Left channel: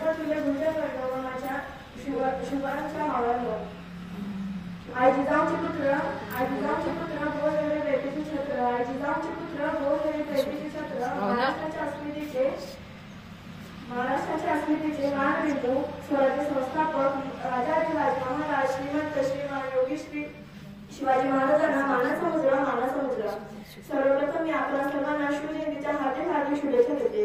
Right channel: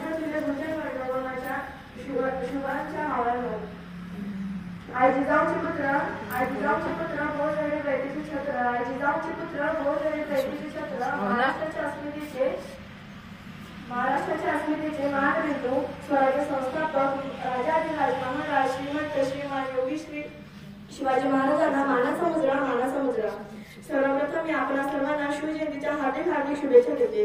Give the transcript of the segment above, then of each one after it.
देता तुझ्या भुजन वर्णवनाच्या शुभांच्या मावळ्यांवर. आई जिजाऊचे पुत्र बोल रहे बैठकी छत्र. आई जिजाऊचे पुत्र बोल रहे बैठकी छत्र. महाराष्ट्राच्या अस्मितेचे मानबिंदू स्वराज्य संस्थापक राजाधिराज महाराज श्रीमंत श्रीमान योगी श्री शिवाजी महाराजांना मानाचा मुजरा. सर्वप्रथम मी आपल्या सर्वांना शिवजयंतीच्या हार्दिक शुभेच्छा देते.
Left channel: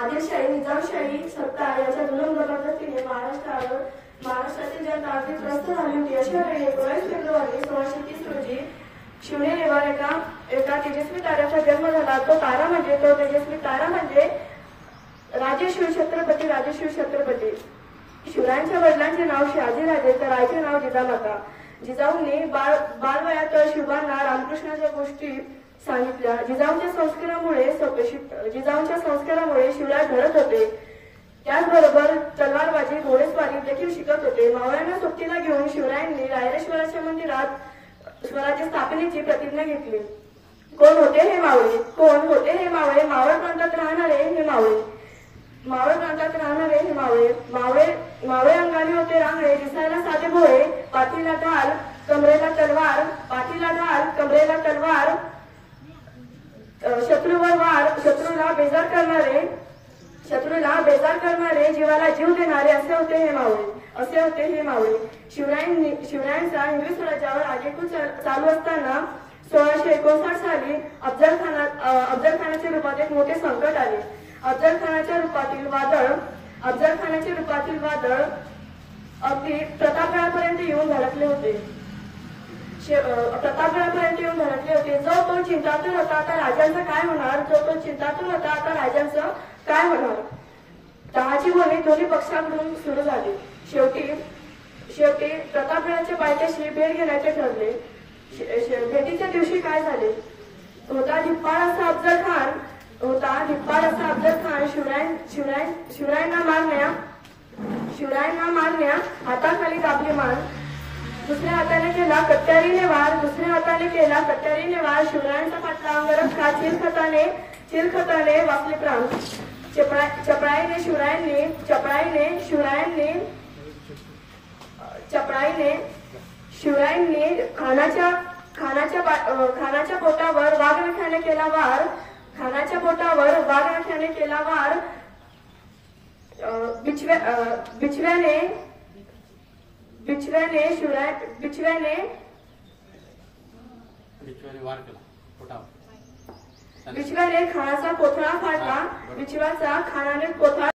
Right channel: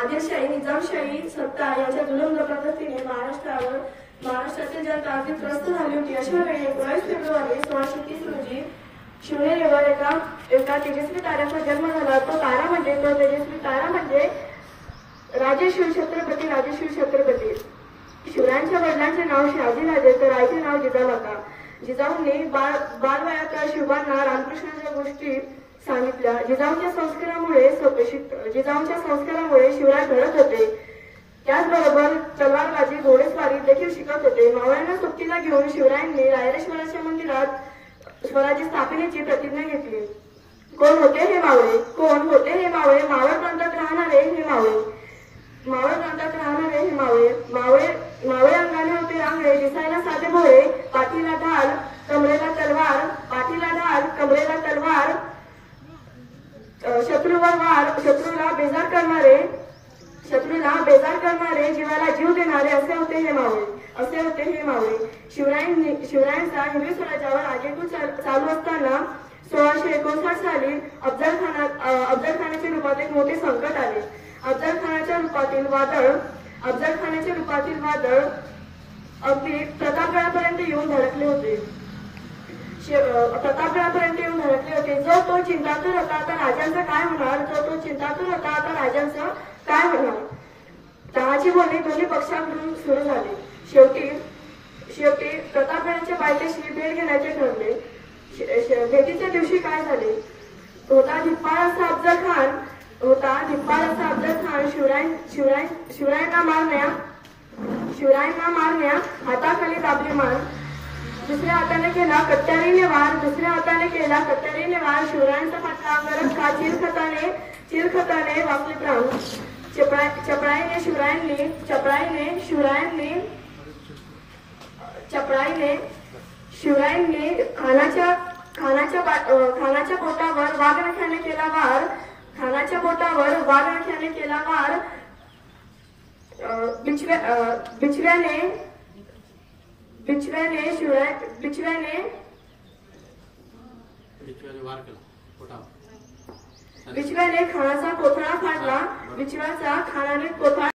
आदिलशाही निजामशाही सत्ता याच्या दुर्लभ पद्धतीने महाराष्ट्रातील जनता अगदी त्रस्त झाली होती. अशा वेळी 19 फेब्रुवारी 1630 रोजी शिवनेरीवर एका तेजस्वी ताऱ्याचा जन्म झाला. तो तेजस्वी तारा म्हणजे राजे शिवछत्रपती. शिवरायांच्या वडिलांचे नाव शहाजीराजे तर आईचे नाव जिजामाता. जिजाऊंनी बालवयात शिवबांना रामकृष्णाच्या गोष्टी सांगितल्या. जिजाऊंच्या संस्कारामुळे शिवराय घडत होते. त्याचबरोबर तलवारबाजी घोडेस्वारी देखील शिकत होते. मावळ्यांना सोबतीला घेऊन शिवरायांनी रायरेश्वराच्या मंदिरात स्वराज्य स्थापनेची प्रतिज्ञा घेतली. कोण होते हे मावळे? मावळ प्रांतात राहणारे हे मावळे अंगाने होते रांगणे. दिसायला साधे भोळे. पाठीला ढाल कमरेला तलवार. शत्रूवर वार. शत्रूला बेजार करणारे जीवाला जीव देणारे असे होते हे मावळे. शिवरायांचा हिंदवी स्वराज्यावर आगेकूच चालू असताना 1659 साली अफजलखानाच्या रूपात एक मोठे संकट आले. अफजलखानाच्या रूपातील वादळ अगदी प्रतापगडापर्यंत येऊन धडकले होते. जो तो चिंतातूर होता आता राजांचं काय होणार? तहाची बोलणी दोन्ही पक्षांकडून सुरू झाली. शेवटी प्रतापगडाच्या पायथ्याशी भेट घेण्याचे ठरले. भेटीच्या दिवशी काय झाले? होता धिप्पाड असा अफजल खान शिवरायांना मारण्या हाताखाली दाबली मान. दुसऱ्या हाताने केला कट्यारीने वार. शिवरायांचा पट्टा अंगरच का चिरखताने वाचले प्राण. चपळाईने शिवरायांनी खानाच्या पोटावर वाघनख्याने केला वार. बिचव्याने खानाचा कोथळा फाडला. बिचव्याचा खानाने कोथळा